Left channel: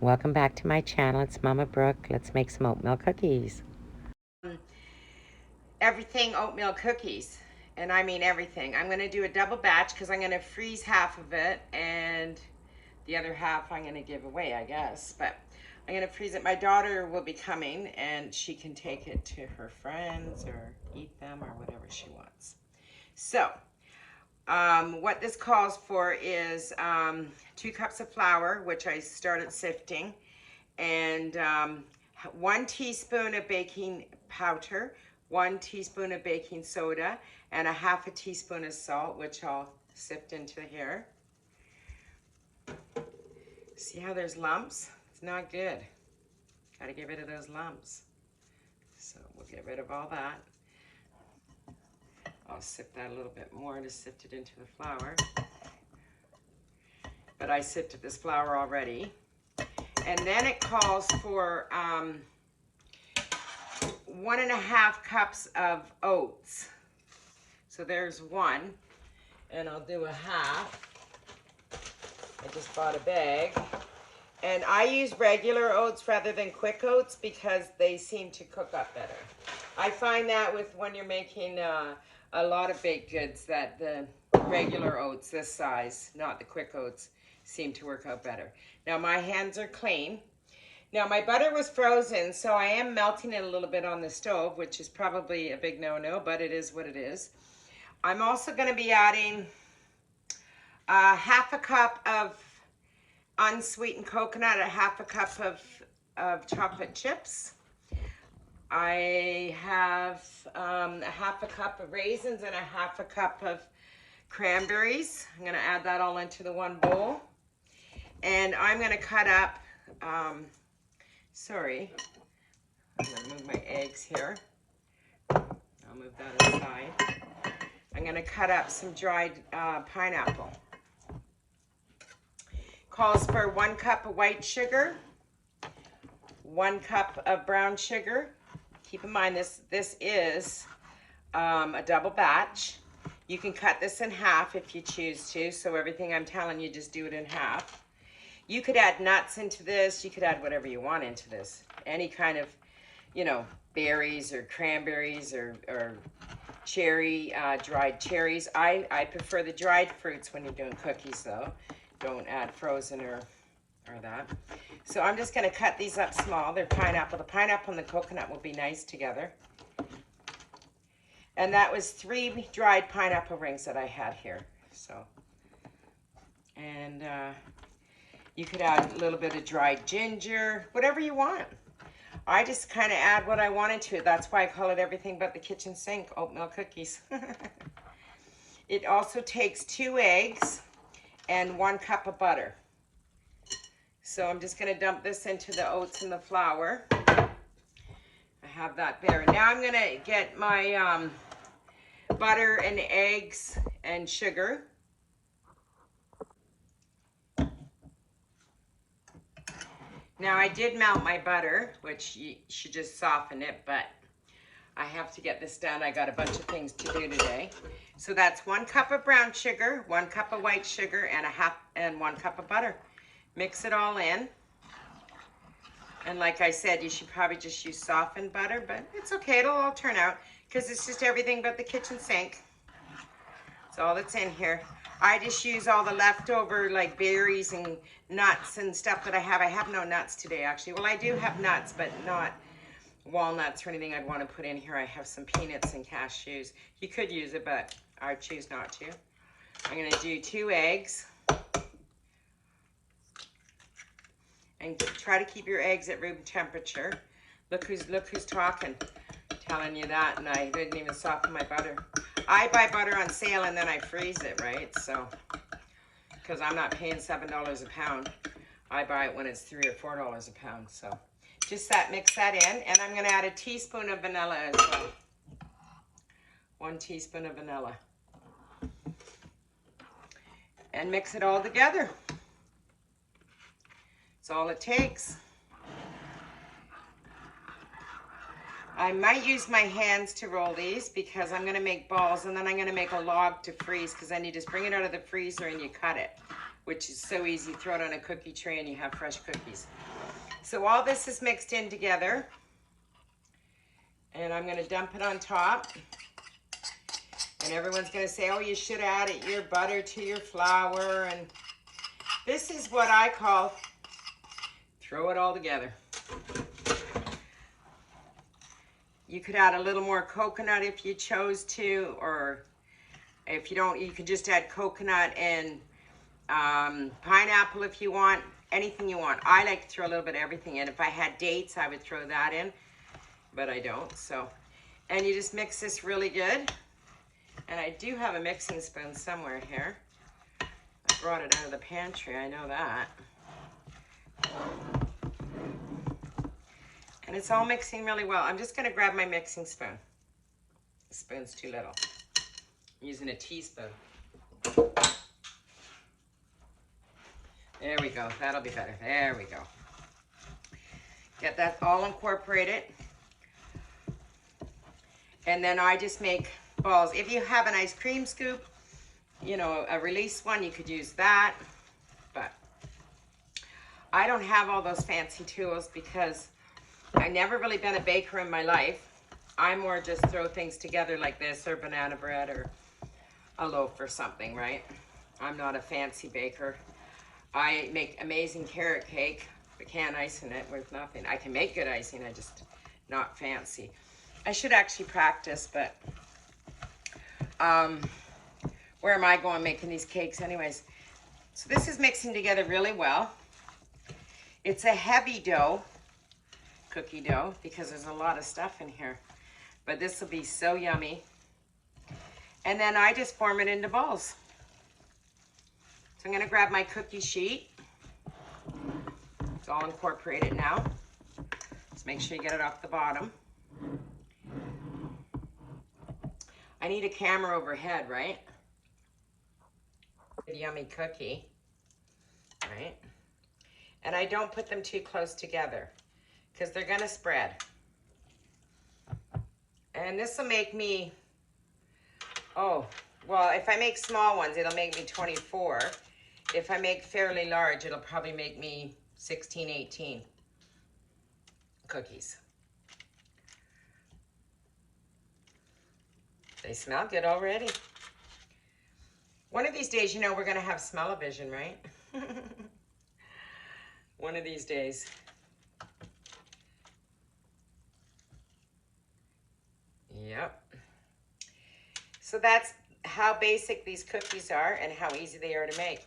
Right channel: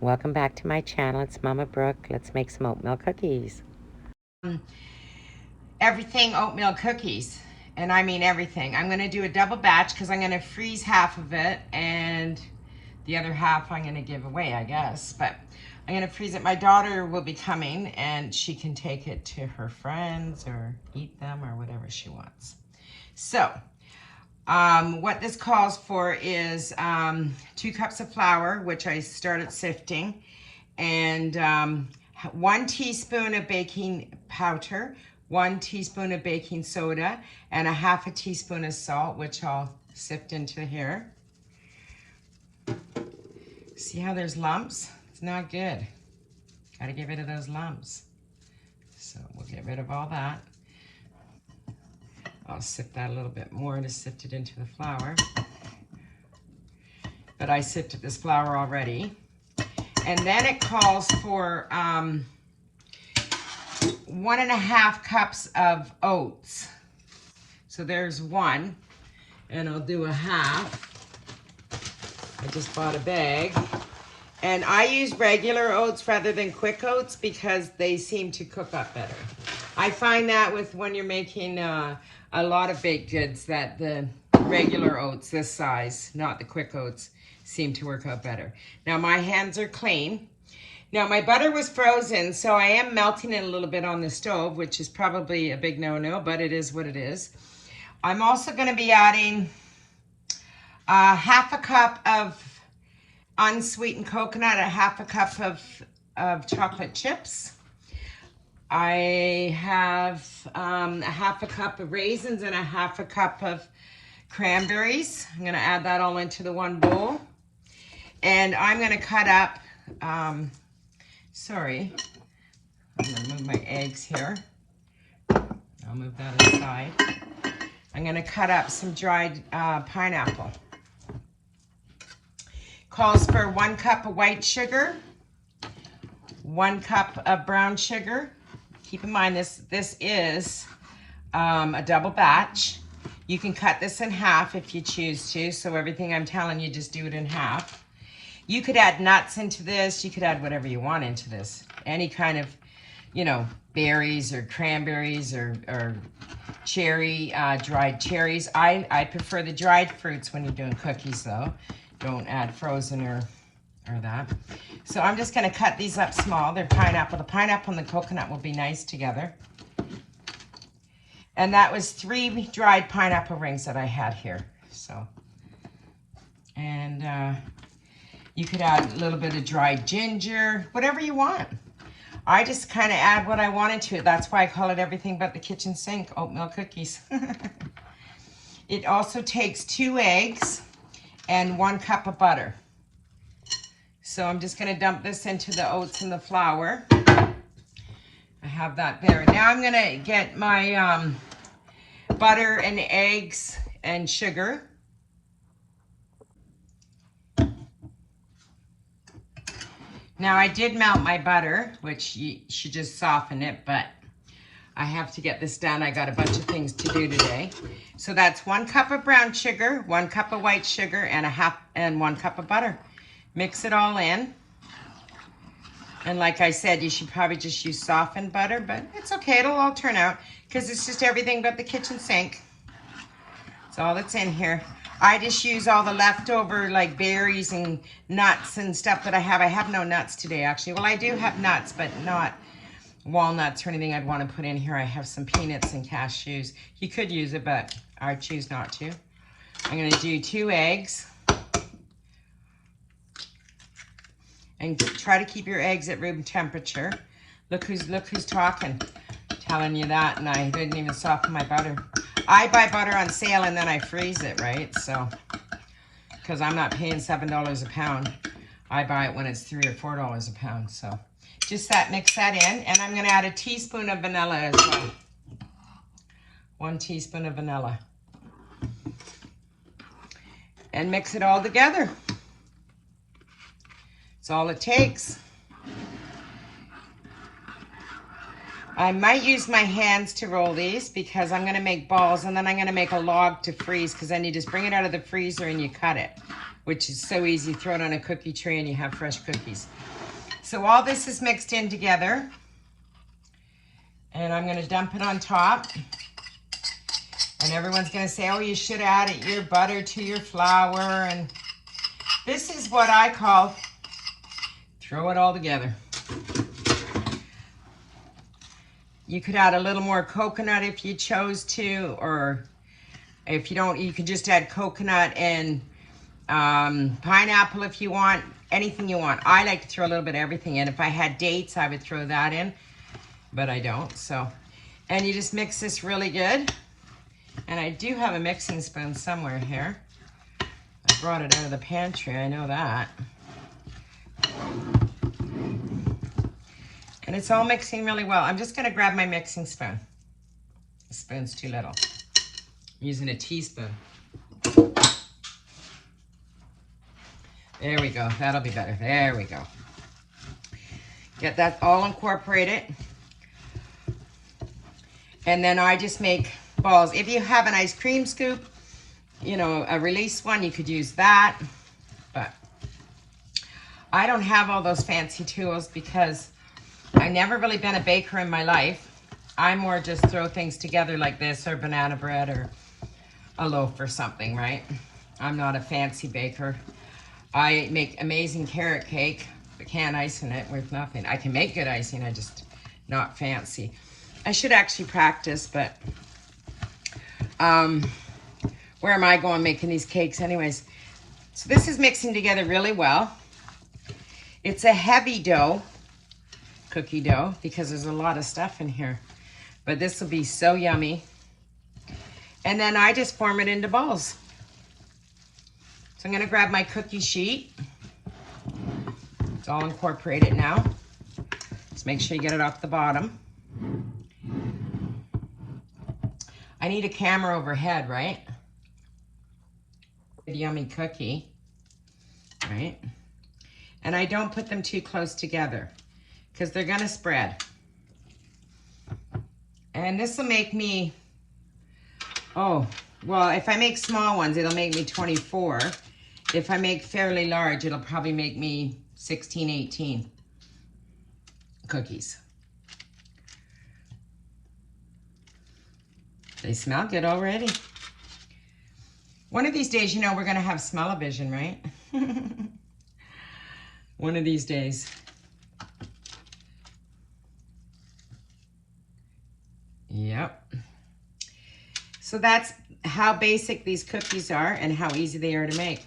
Welcome back to my channel. It's Mama Brooke. Let's make some oatmeal cookies. Everything oatmeal cookies, and I mean everything. I'm gonna do a double batch because I'm gonna freeze half of it and the other half I'm gonna give away, I guess. But I'm gonna freeze it. My daughter will be coming and she can take it to her friends or eat them or whatever she wants. So, what this calls for is 2 cups of flour, which I started sifting, and 1 teaspoon of baking powder, 1 teaspoon of baking soda, and 1/2 teaspoon of salt, which I'll sift into here. See how there's lumps? It's not good. Got to get rid of those lumps. So we'll get rid of all that. I'll sift that a little bit more to sift it into the flour. But I sifted this flour already. And then it calls for 1.5 cups of oats. So there's 1, and I'll do 1/2. I just bought a bag. And I use regular oats rather than quick oats because they seem to cook up better. I find that with when you're making a lot of baked goods that the regular oats this size, not the quick oats, seem to work out better. Now my hands are clean. Now my butter was frozen, so I am melting it a little bit on the stove, which is probably a big no-no, but it is what it is. I'm also going to be adding 1/2 cup of unsweetened coconut, 1/2 cup of chocolate chips. I have 1/2 cup of raisins and 1/2 cup of cranberries. I'm going to add that all into the one bowl. And I'm going to cut up, sorry, I'm going to move my eggs here. I'll move that aside. I'm going to cut up some dried pineapple. Calls for 1 cup of white sugar, 1 cup of brown sugar. Keep in mind this is a double batch. You can cut this in half if you choose to, so everything I'm telling you, just do it in half. You could add nuts into this. You could add whatever you want into this. Any kind of, you know, berries or cranberries or cherry, dried cherries. I prefer the dried fruits when you're doing cookies though. Don't add frozen or that. So I'm just going to cut these up small. They're pineapple. The pineapple and the coconut will be nice together. And that was 3 dried pineapple rings that I had here. So, and you could add a little bit of dried ginger, whatever you want. I just kind of add what I wanted to it. That's why I call it everything but the kitchen sink oatmeal cookies. It also takes 2 eggs and 1 cup of butter. So I'm just going to dump this into the oats and the flour. I have that there. Now I'm going to get my butter and eggs and sugar. Now I did melt my butter, which you should just soften it, but I have to get this done. I got a bunch of things to do today. So that's 1 cup of brown sugar, 1 cup of white sugar, and 1 cup of butter. Mix it all in. And like I said, you should probably just use softened butter, but it's okay. It'll all turn out because it's just everything but the kitchen sink. That's all that's in here. I just use all the leftover like berries and nuts and stuff that I have. I have no nuts today, actually. Well, I do have nuts, but not walnuts or anything I'd want to put in here. I have some peanuts and cashews. You could use it, but I choose not to. I'm going to do 2 eggs. And try to keep your eggs at room temperature. Look who's talking, telling you that, and I didn't even soften my butter. I buy butter on sale and then I freeze it, right? So, because I'm not paying $7 a pound. I buy it when it's $3 or $4 a pound. So, just mix that in, and I'm going to add a teaspoon of vanilla as well. 1 teaspoon of vanilla. And mix it all together. That's all it takes. I might use my hands to roll these because I'm going to make balls, and then I'm going to make a log to freeze, because then you just bring it out of the freezer and you cut it. which is so easy. Throw it on a cookie tray and you have fresh cookies. So all this is mixed in together. And I'm gonna dump it on top. And everyone's gonna say, oh, you should add your butter to your flour. And this is what I call throw it all together. You could add a little more coconut if you chose to, or if you don't, you could just add coconut and pineapple if you want, anything you want. I like to throw a little bit of everything in. If I had dates, I would throw that in, but I don't, so. And you just mix this really good. And I do have a mixing spoon somewhere here. I brought it out of the pantry, I know that. And it's all mixing really well. I'm just gonna grab my mixing spoon. The spoon's too little. I'm using a teaspoon. There we go, that'll be better. There we go. Get that all incorporated. And then I just make balls. If you have an ice cream scoop, you know, a release one, you could use that. But I don't have all those fancy tools because I've never really been a baker in my life. I more just throw things together like this, or banana bread, or a loaf or something, right? I'm not a fancy baker. I make amazing carrot cake, but can't ice in it with nothing. I can make good icing, I just not fancy. I should actually practice, but where am I going making these cakes anyways? So this is mixing together really well. It's a heavy dough, cookie dough, because there's a lot of stuff in here. But this will be so yummy. And then I just form it into balls. So I'm gonna grab my cookie sheet. It's all incorporated now. Just make sure you get it off the bottom. I need a camera overhead, right? A yummy cookie, right? And I don't put them too close together because they're gonna spread. And this will make me, oh, well, if I make small ones, it'll make me 24. If I make fairly large, it'll probably make me 16, 18 cookies. They smell good already. One of these days, you know, we're gonna have smell-o-vision, right? One of these days. Yep. So that's how basic these cookies are and how easy they are to make.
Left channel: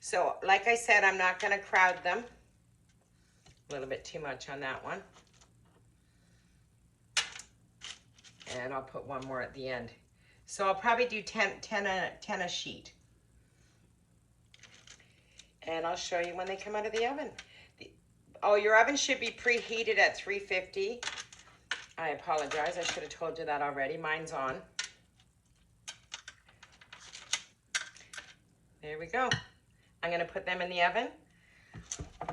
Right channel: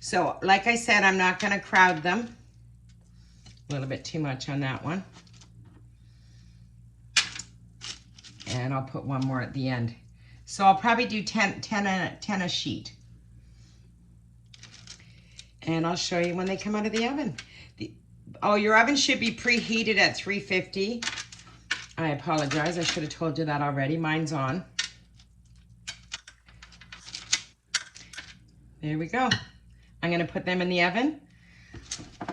So, like I said, I'm not gonna crowd them. A little bit too much on that one. And I'll put one more at the end. So I'll probably do 10 a sheet. And I'll show you when they come out of the oven. Oh, your oven should be preheated at 350. I apologize, I should have told you that already. Mine's on. There we go. I'm gonna put them in the oven.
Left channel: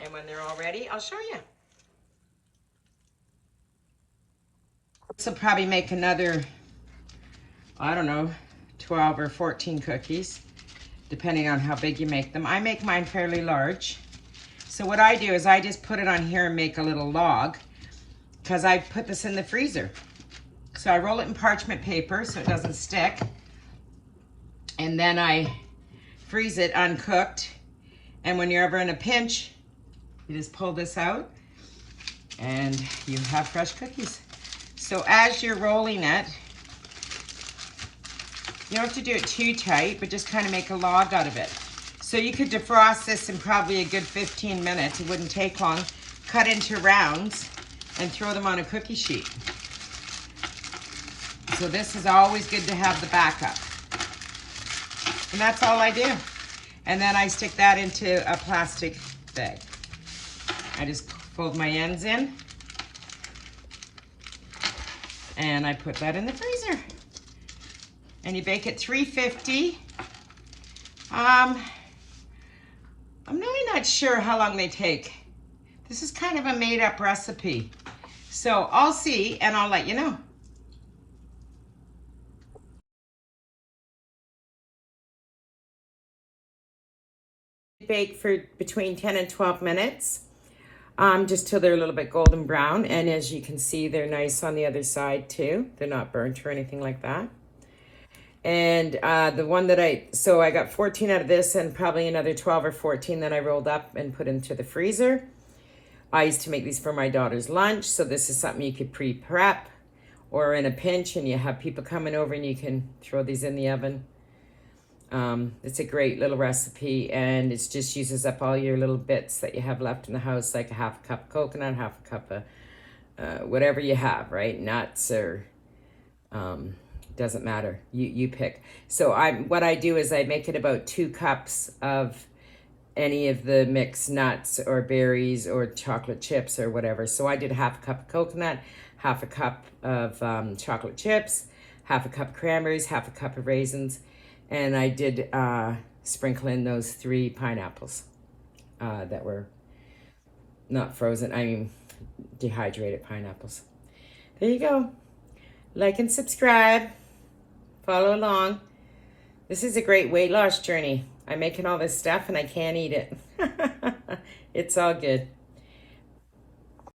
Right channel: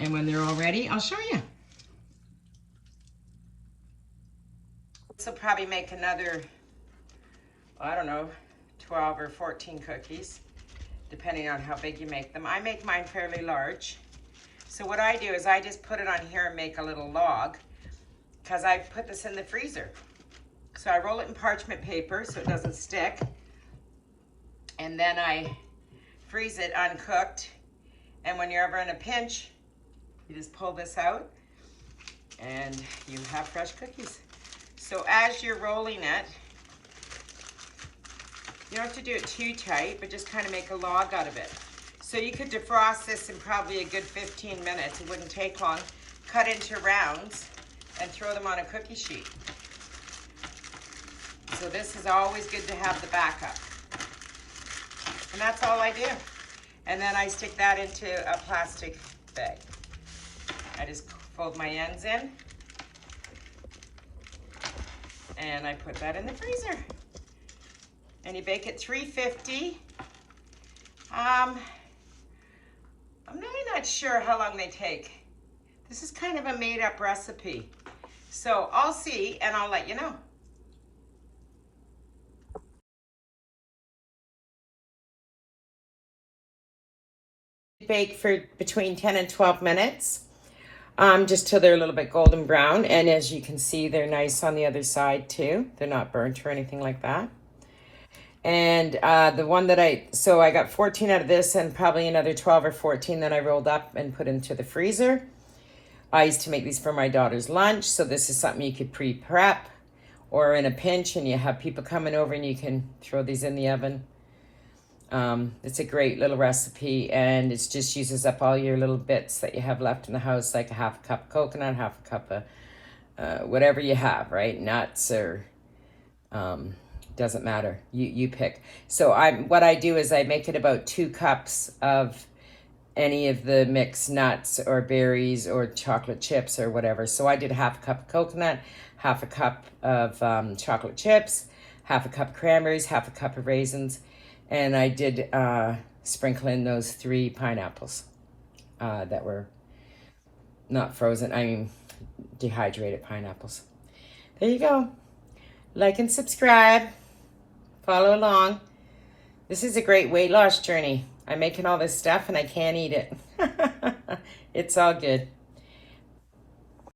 And when they're all ready, I'll show you. This will probably make another, I don't know, 12 or 14 cookies, depending on how big you make them. I make mine fairly large. So what I do is I just put it on here and make a little log, because I put this in the freezer. So I roll it in parchment paper so it doesn't stick. And then I freeze it uncooked. And when you're ever in a pinch, you just pull this out and you have fresh cookies. So as you're rolling it, you don't have to do it too tight, but just kind of make a log out of it. So you could defrost this in probably a good 15 minutes. It wouldn't take long. Cut into rounds and throw them on a cookie sheet. So this is always good to have the backup. And that's all I do. And then I stick that into a plastic bag. I just fold my ends in. And I put that in the freezer. And you bake at 350. I'm really not sure how long they take. This is kind of a made-up recipe. So I'll see and I'll let you know. Bake for between 10 and 12 minutes, just till they're a little bit golden brown. And as you can see, they're nice on the other side too. They're not burnt or anything like that. And the one that I got 14 out of this and probably another 12 or 14 that I rolled up and put into the freezer. I used to make these for my daughter's lunch. So this is something you could pre-prep or in a pinch and you have people coming over and you can throw these in the oven. It's a great little recipe and it just uses up all your little bits that you have left in the house, like a half a cup of coconut, half a cup of whatever you have, right? Nuts or doesn't matter. You pick. So what I do is I make it about 2 cups of any of the mixed nuts or berries or chocolate chips or whatever. So I did half a cup of coconut, half a cup of chocolate chips, half a cup of cranberries, half a cup of raisins. And I did sprinkle in those 3 pineapples that were not frozen. I mean, dehydrated pineapples. There you go. Like and subscribe. Follow along. This is a great weight loss journey. I'm making all this stuff and I can't eat it. It's all good.